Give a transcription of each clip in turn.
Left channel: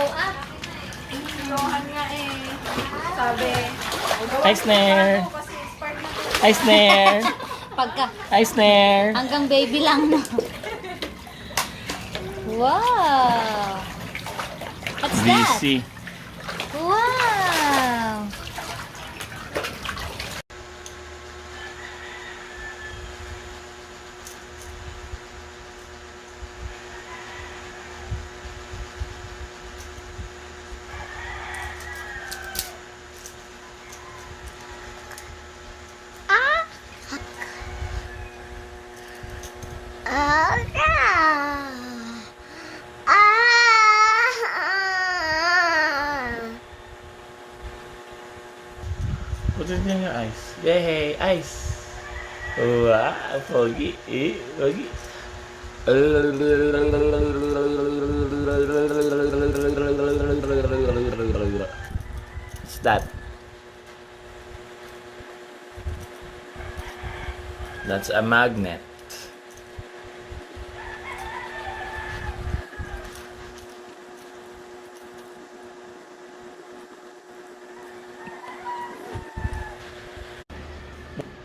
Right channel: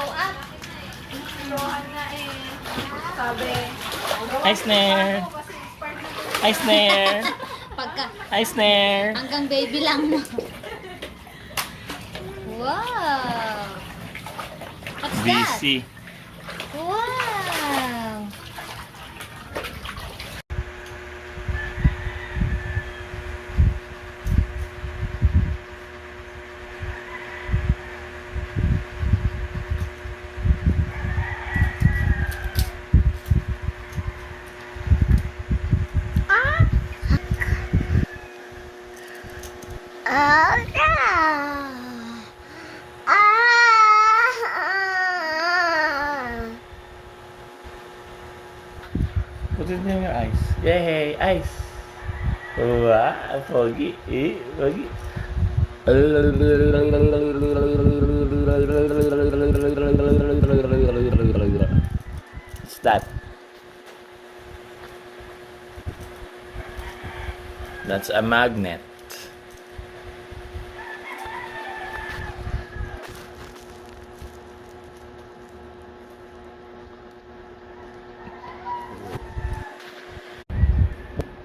Kilohan nga eh. Sabi. Hi, Snare. Hi, Snare. Pagka Hi, Snare. hanggang baby lang no. Wow. What's that? DC. Wow. Put it in your eyes. Yay, ice. Wow, foggy. Foggy. What's that? That's a magnet.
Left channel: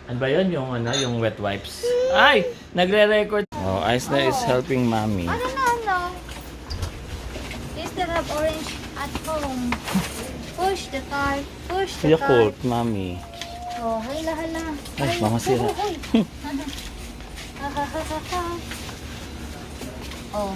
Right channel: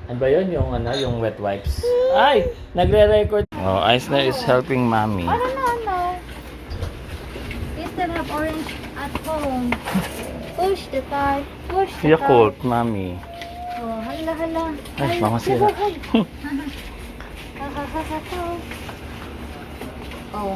Ano ba yun? Yung wet wipes. Ay! Nagre-record. Oh, Eisner is helping mommy. I don't know. You still have orange at home. Push the cart. Push the Yakult, cart. mommy. Oh, hala. Ay, mamasira. Oh.